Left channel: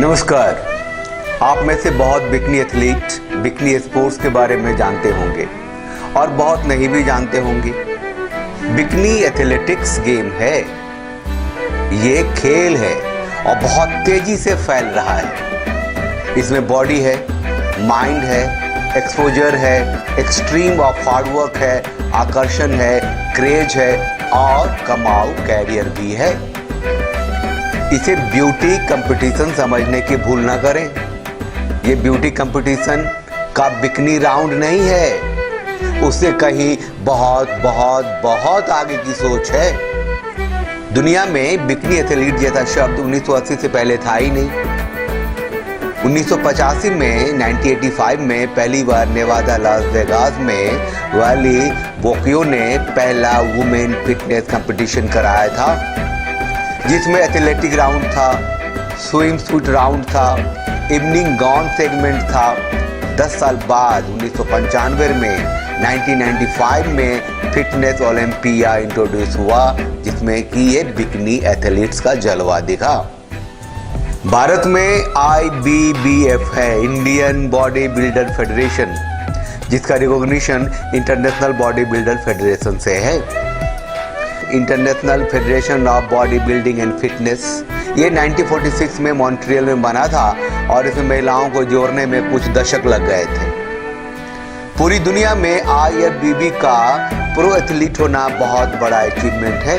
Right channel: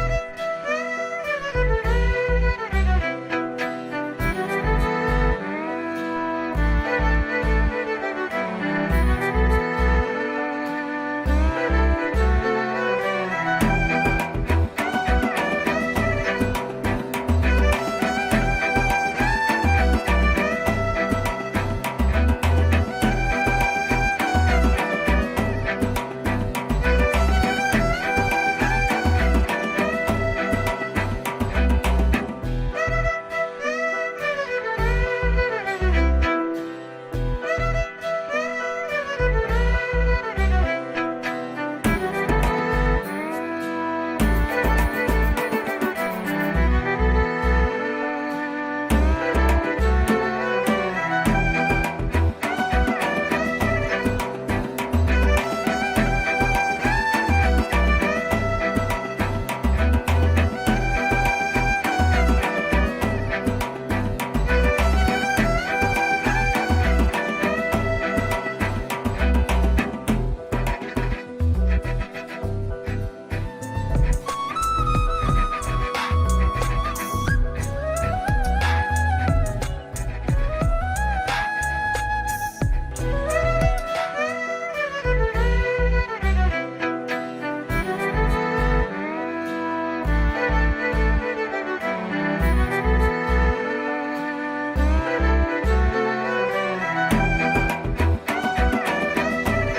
नमस्कार। आप में से बहुत बिकनी एथलीट बिकनी स्पोर्ट्स के बारे में जानते होंगे और बहुत नहीं भी जानते होंगे। बिकनी एथलेटिक्स गेम है, ये खेल है और बहुत तेजी से फैल रहा है। इसमें बॉडी है, माइंड है, एक्सपोजर है, एक्सट्रीम ऑफ हार्डवर्क है, आकर्षण है, क्रेज है और कमाऊ कैरियर भी है। इसे ब्यूटी कंपटीशन समझने की भूल ना करें। ये ब्यूटी कंपटीशन का बिकनी राउंड नहीं है, उससे कहीं बहुत बहुत बहुत आगे की सोच है। दुनिया में बिकनी एथलीट जैसा शब्द 1980 से पहले था ही नहीं। 1985 में 1985 में पहली बार नेवादा लास वेगास में वाली वोकियो ने पहला वुमेन फिटनेस कंपटीशन कराया था, जिसमें एथलेटिक राउंड था, स्विम सूट राउंड था, इवनिंग गॉन सेगमेंट था। 10 साल बाद 1995 में 1995 में फिटनेस ओलंपिया इंट्रोड्यूस हुआ, जिसमें कि ये बिकनी एथलीट्स का जलवा दिखा। भारत में IBBF है, इंडियन बॉडी बिल्डर फेडरेशन, जिसका recognition international body builder federation से है। International federation of body building and fitness ये 1946 में मॉन्ट्रियल में बना था और इसमें महिलाओं को जोड़ने में कुछ दशक लग गए थे। पूरी दुनिया में IFBB का प्रो एथलीट होना बहुत बड़ा अचीवमेंट है।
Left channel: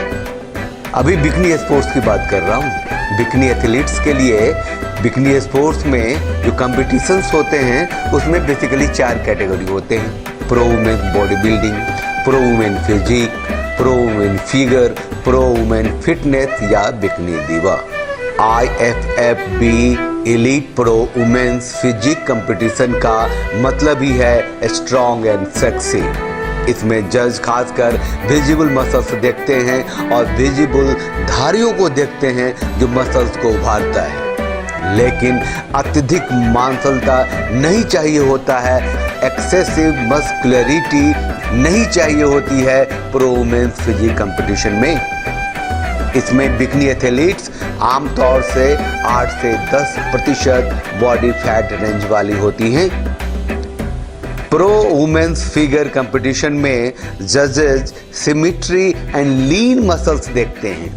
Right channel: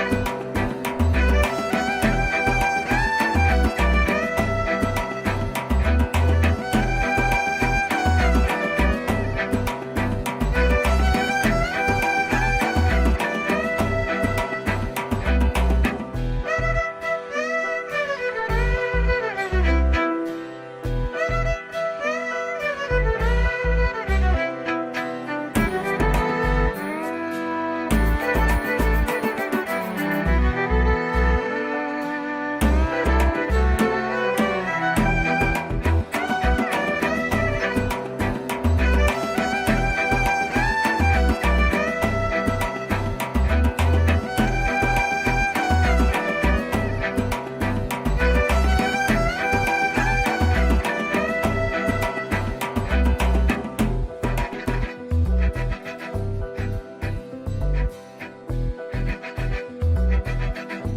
अभी बिकनी स्पोर्ट्स की बात कर रहा हूँ। बिकनी एथलीट्स के लिए बिकनी स्पोर्ट्स में जो कॉम्पिटिशन्स होते हैं उसमें बेसिकली 4 कैटेगरी होते हैं: pro women body building, pro women physique, pro women figure, pro women fitness या bikini diva. IFFB elite pro women's physique competition का मतलब ही है स्ट्रॉन्ग एंड सेक्सी। इसमें जज खासकर विजिबल मसल्स देखते हैं और विजिबल धारियों को देखते हैं जो मसल्स को उभारता है, लेकिन अत्यधिक मांसलता नहीं चाहिए होता है, एक्सेसिव मस्कुलरिटी नहीं चाहिए होती है प्रो वुमेन्स फिजिक कंपटीशन में। इसमें बिकनी एथलीट्स आमतौर से 8 से 10% बॉडी फैट रेंज वाली होती हैं। प्रो वुमेन्स फिगर कंपटीशन में जजेस सिमेट्री एंड लीन मसल्स देखते हैं।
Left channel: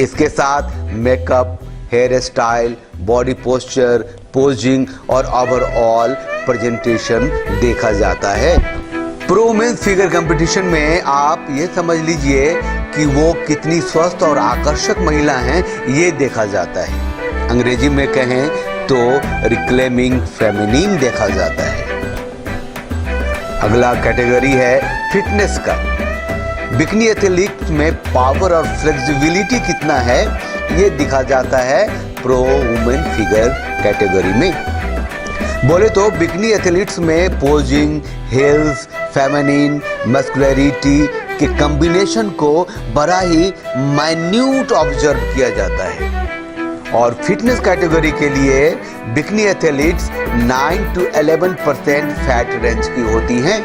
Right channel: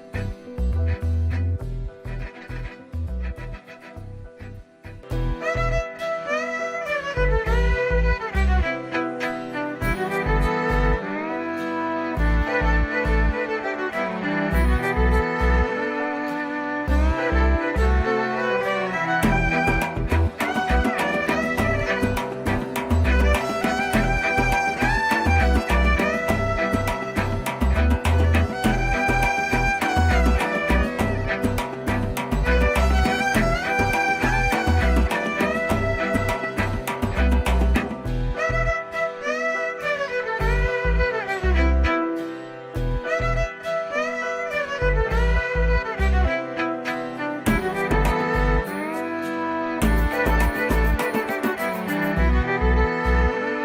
इसके साथ makeup, hair style, body posture, posing और ओवरऑल प्रेजेंटेशन देखा जाता है। प्रो वुमेन्स फिगर कंपटीशन में आप ये समझ लीजिए कि वो कितनी स्वस्थ और आकर्षक महिला हैं, ये देखा जाता है। अंग्रेजी में कहें तो रिक्लेमिंग फेमिनिन देखा जाता है। अगला कैटेगरी है फिटनेस का। बिकनी एथलीट में पावर और फ्लेक्सिबिलिटी कितना है ये दिखा जाता है प्रो वुमेन फिगर कैटेगरी में। बोले तो बिकनी एथलीट्स में पोजिंग, हिल्स, फेमिनिन, मस्कुलरिटी के कॉम्बिनेशन को बड़ा ही माइन्यूट ऑब्जर्व किया जाता है। और फिटनेस कैटेगरी के लिए bikini athletes 9 to 11% fat range की होती हैं।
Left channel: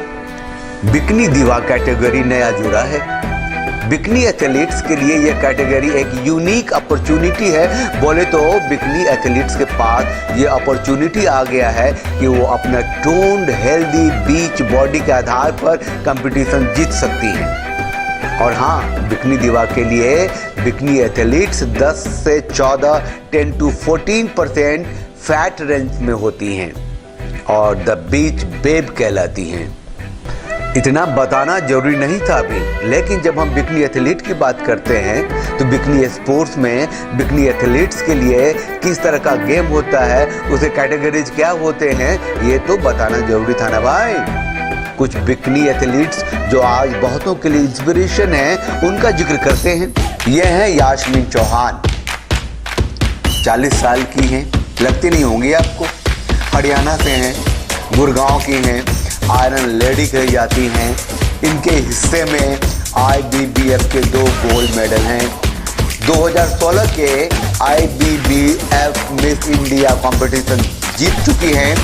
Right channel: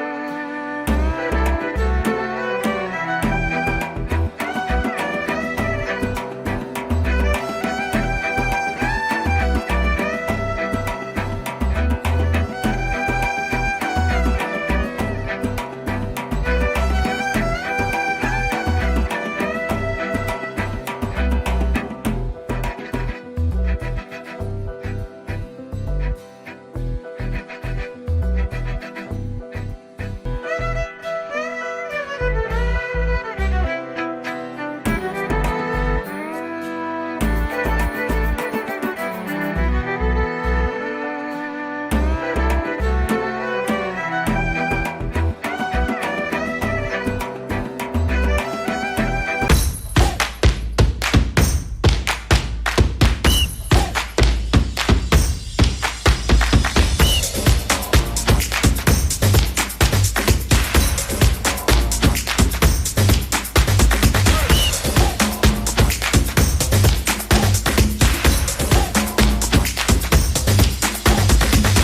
बिकनी दीवा कैटेगरी नया जुड़ा है। बिकनी एथलीट्स के लिए यह कैटेगरी एक यूनिक अपॉर्चुनिटी है। बोले तो बिकनी एथलीट्स के पास ये अपॉर्चुनिटी आ गया है कि वो अपना टोन्ड हेल्दी बीच बॉडी के आधार पर कंपटीशन जीत सकती है। और हाँ, बिकनी दीवा के लिए बिकनी एथलीट्स 10 से 14, 10 to 14% फैट रेंज में होती हैं और द बीच बेब कहलाती हैं। इतना बताना जरूरी नहीं था अभी, लेकिन जब हम बिकनी एथलीट की बात करते हैं तो बिकनी स्पोर्ट्स में बिकनी एथलीट्स के लिए किस तरह का गेम होता है, उसे कैटेगरीज क्या होते हैं, ये तो बताना जरूरी था ना भाई। कुछ बिकनी एथलीट्स जो आज बहुतों के लिए इंस्पिरेशन है, उनका जिक्र करते हैं। ये है यास्मीन चौहान, 40 साल की हैं, लगती नहीं होंगी आपको। हरियाणा से हैं, गुड़गांव की हैं, आयरन लेडी कही जाती हैं। इनके हिस्से में IBBF के 2 गोल्ड मेडल हैं। 2016 के IBBF मिस इंडिया कंपटीशन जीत चुकी हैं।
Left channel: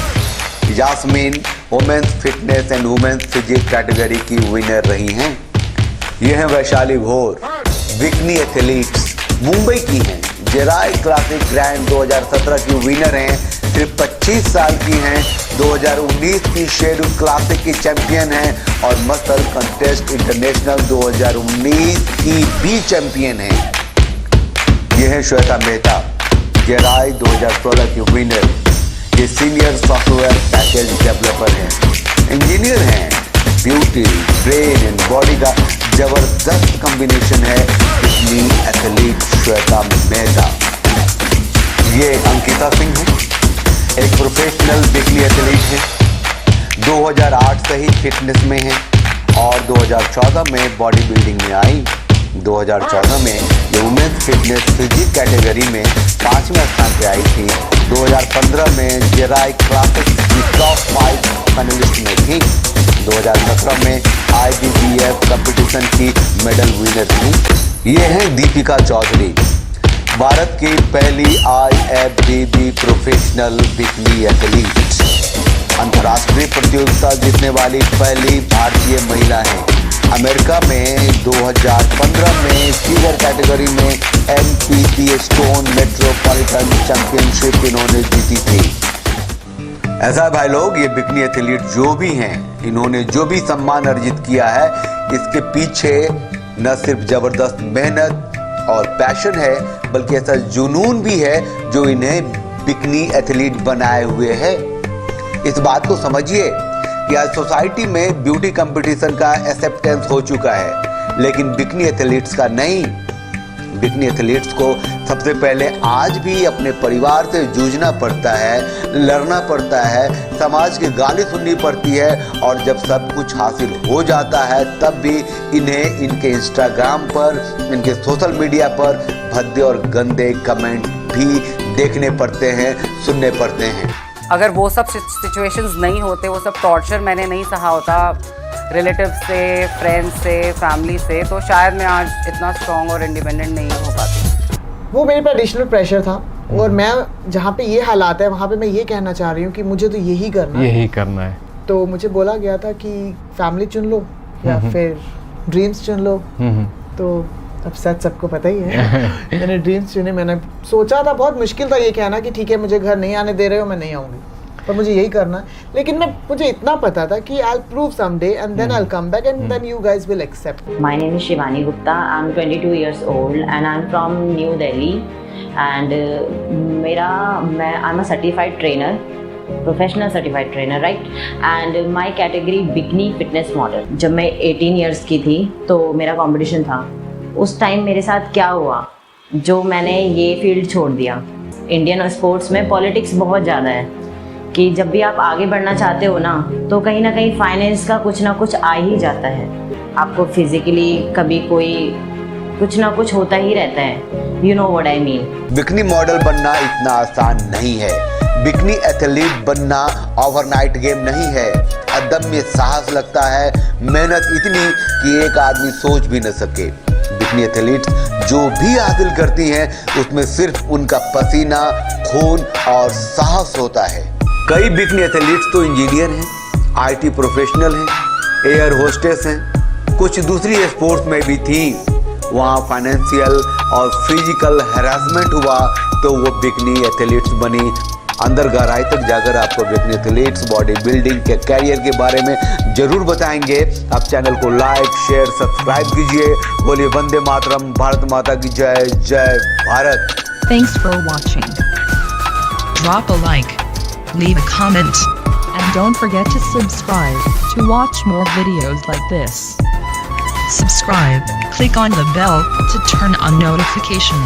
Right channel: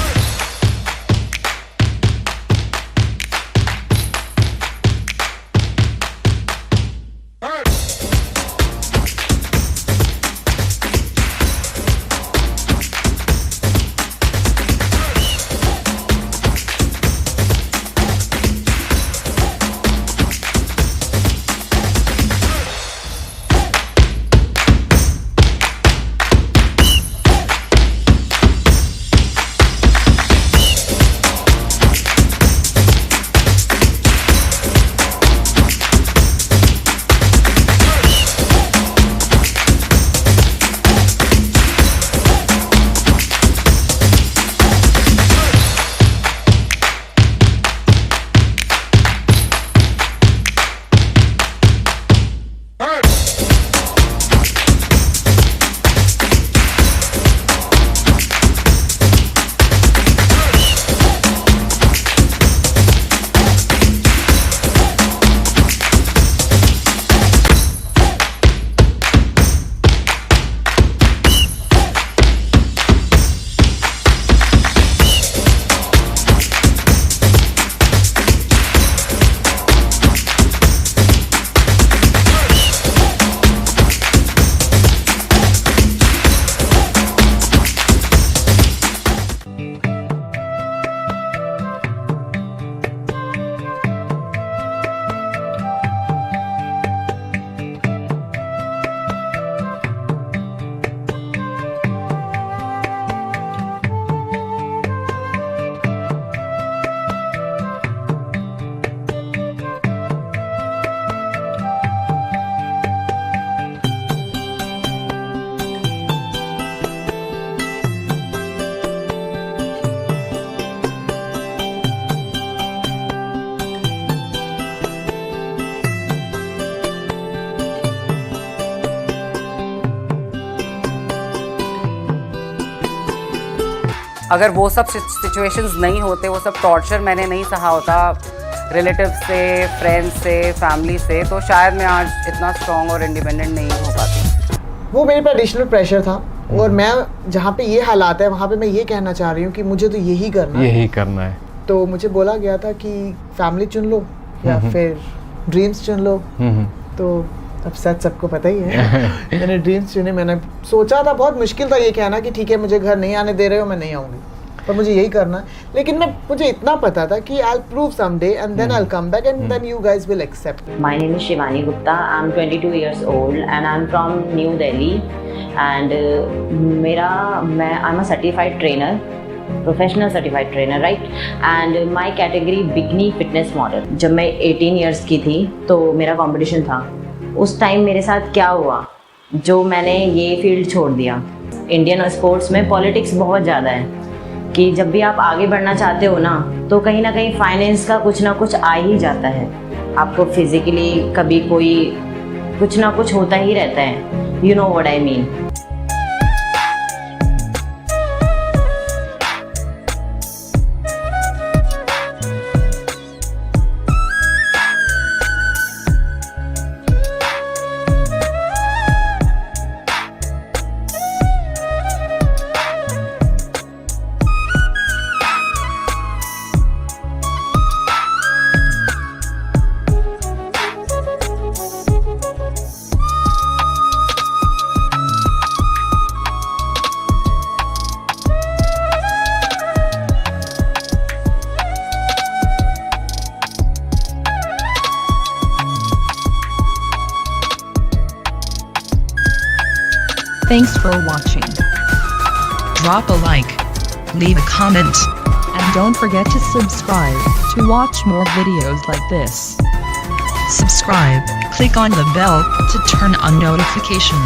Yasmin women's fitness and women's physique category की विनर रही हैं। ये हैं वैशाली घोर, बिकनी एथलीट्स, मुंबई की हैं, जेराई क्लासिक ग्रैंड 2017 की विनर हैं, सिर्फ 25 साल की हैं, 2019 की शेड्यूल क्लासिक की चैंपियन हैं और मस्टर कंटेस्ट इंटरनेशनल 2019 की भी चैंपियन हैं। ये है श्वेता मेहता, जेराई 2016 की विनर। ये सीनियर सॉफ्टवेयर पैकेज डेवलपर हैं, इंजीनियर हैं। ब्यूटी, ब्रेन एंड बॉडी का जबरदस्त कॉम्बिनेशन है अपनी एथलीट श्वेता मेहता। ये अंकिता सिंह है, एक प्रोफेशनल बिकनी एथलीट है। 2008 से ही फिटनेस में है और 2014 में बॉडी बिल्डिंग में आई। 2014 में वुमेन्स फिटनेस फिजिक कैटेगरी में 5वें स्थान पे आई थी। 2015 में जेराई क्लासिक टॉप 5 फाइनलिस्ट में थी। 2017 में IBBF कंपटीशन की मेडल विनर थी। ये हैं दीपिका चौधरी, भारत की पहली IFBB प्रोफेशनल बिकनी एथलीट, अंतर्राष्ट्रीय प्रतियोगिता जीतने वाली पहली भारतीय महिला है। अमेरिका में 2015 में सीनियर कैटेगरी में MPP स्टोन मेट्रोपॉलिटन चैंपियनशिप इन्होंने जीती थी। ऐसा भाई लोग, ये बिकनी एथलीट जो भी हैं, इन्होंने जो भी सम्मान अर्जित किया है, इसके पीछे न सिर्फ जबरदस्त मेहनत और पैशन है, बल्कि ऐसा जुनून भी है जो इन्हें बिकनी एथलीट बनाए हुए है। इस बात को समझिए कि आज सोसाइटी में ब्यूटी कंपटीशन का एक्सेप्टेंस हो चुका है, लेकिन बिकनी एथलीट्स का नहीं। बिकनी एथलीट्स को सबसे पहले आज भी अपने परिवार से जूझना पड़ता है, लड़ना पड़ता है, समाज के गाने सुननी पड़ती है और जब सब कुछ हासिल हो जाता है तब भी इन्हें इनके इंस्टाग्राम पर, इनके सोशल मीडिया पर भद्दे और गंदे कमेंट भी देखने पड़ते हैं, सुनने पड़ते हैं। अगर वो सब सिचुएशंस नहीं होते, वो सब टॉर्चर मैंने नहीं सहा होता रिलेटिव से, फ्रेंड्स से, फैमिली से, तो शायद मैं आज इतना स्ट्रॉन्ग और इंडिपेंडेंट नहीं हो पाती। वो मेरे पे एडिशनल प्रेशर था और मैं जहाँ पे ये हालात है वहाँ पे मैं ये कहना चाह रही हूँ कि मुझे तो यही करना है। तो मुझे बोला गया था कि फैमिली चुन लो या फिर ड्रीम्स चुन लो। तो अब सच सबको पता ही है। मैंने ड्रीम्स चुने। मैंने सोचा था, बहुत मुश्किल था ये कहना कि ठीक है मुझे घर नहीं आने दे रहे हो, मैं नहीं आऊँगी, पर मुझे यही करना है। लेकिन मुझे इतना पता था कि I'll prove someday and then I'll come back and then you guys will accept. My name is Shivani Gupta. I'm 22 years old and I'm from New Delhi. And I'm a certified trainer, professional certified trainer, right? And my category bikini fitness model. जब मैं 18 years की थी तो मेरा competition था। उस time मेरे साथ क्या हुआ जो मैंने ये फील्ड छोड़ दिया। इंडियन स्पोर्ट्स में पॉलिटिक्स बहुत ज़्यादा है कि जब भी आप आगे बढ़ना चाहते हो ना, तो कहीं ना कहीं फाइनेंस का कुछ ना कुछ आ ही जाता है। आपको फिजिकली कभी कोई कुछ ना कुछ होता ही रहता है। You know what I mean. Bikini model बनना इतना आसान नहीं है। बिकनी एथलीट बनना ओवरनाइट गेम नहीं है। अदम्य साहस लगता है, मेहनत इतनी कि एक आदमी सोच भी न सके। बिकनी एथलीट जो भी हासिल करती हैं उसमें सिर्फ उनका पसीना, खून और साहस होता है। कई बिकनी एथलीट्स तो इंजीनियर हैं, IT प्रोफेशनल हैं, एयर होस्टेस हैं, कुछ दूसरी स्पोर्ट्स में भी थी। वहाँ फाइनेंशियल और फिजिकल हैरेसमेंट हुआ तो वो बिकनी एथलीट्स बनी। अंदर गहराई तक जाकर आपको बिकनी एथलीट्स बॉडी बिल्डिंग के कैरियर के बारे में जरूर बताएंगे। आप चैनल को लाइक, शेयर, सब्सक्राइब कीजिए। बोलिए वंदे मातरम, भारत माता की जय, जय Bharat. Thanks for watching. Drop a like, leave a comment, and don't forget to subscribe to watch more videos like this. Subscribe, click on the bell to turn on notifications.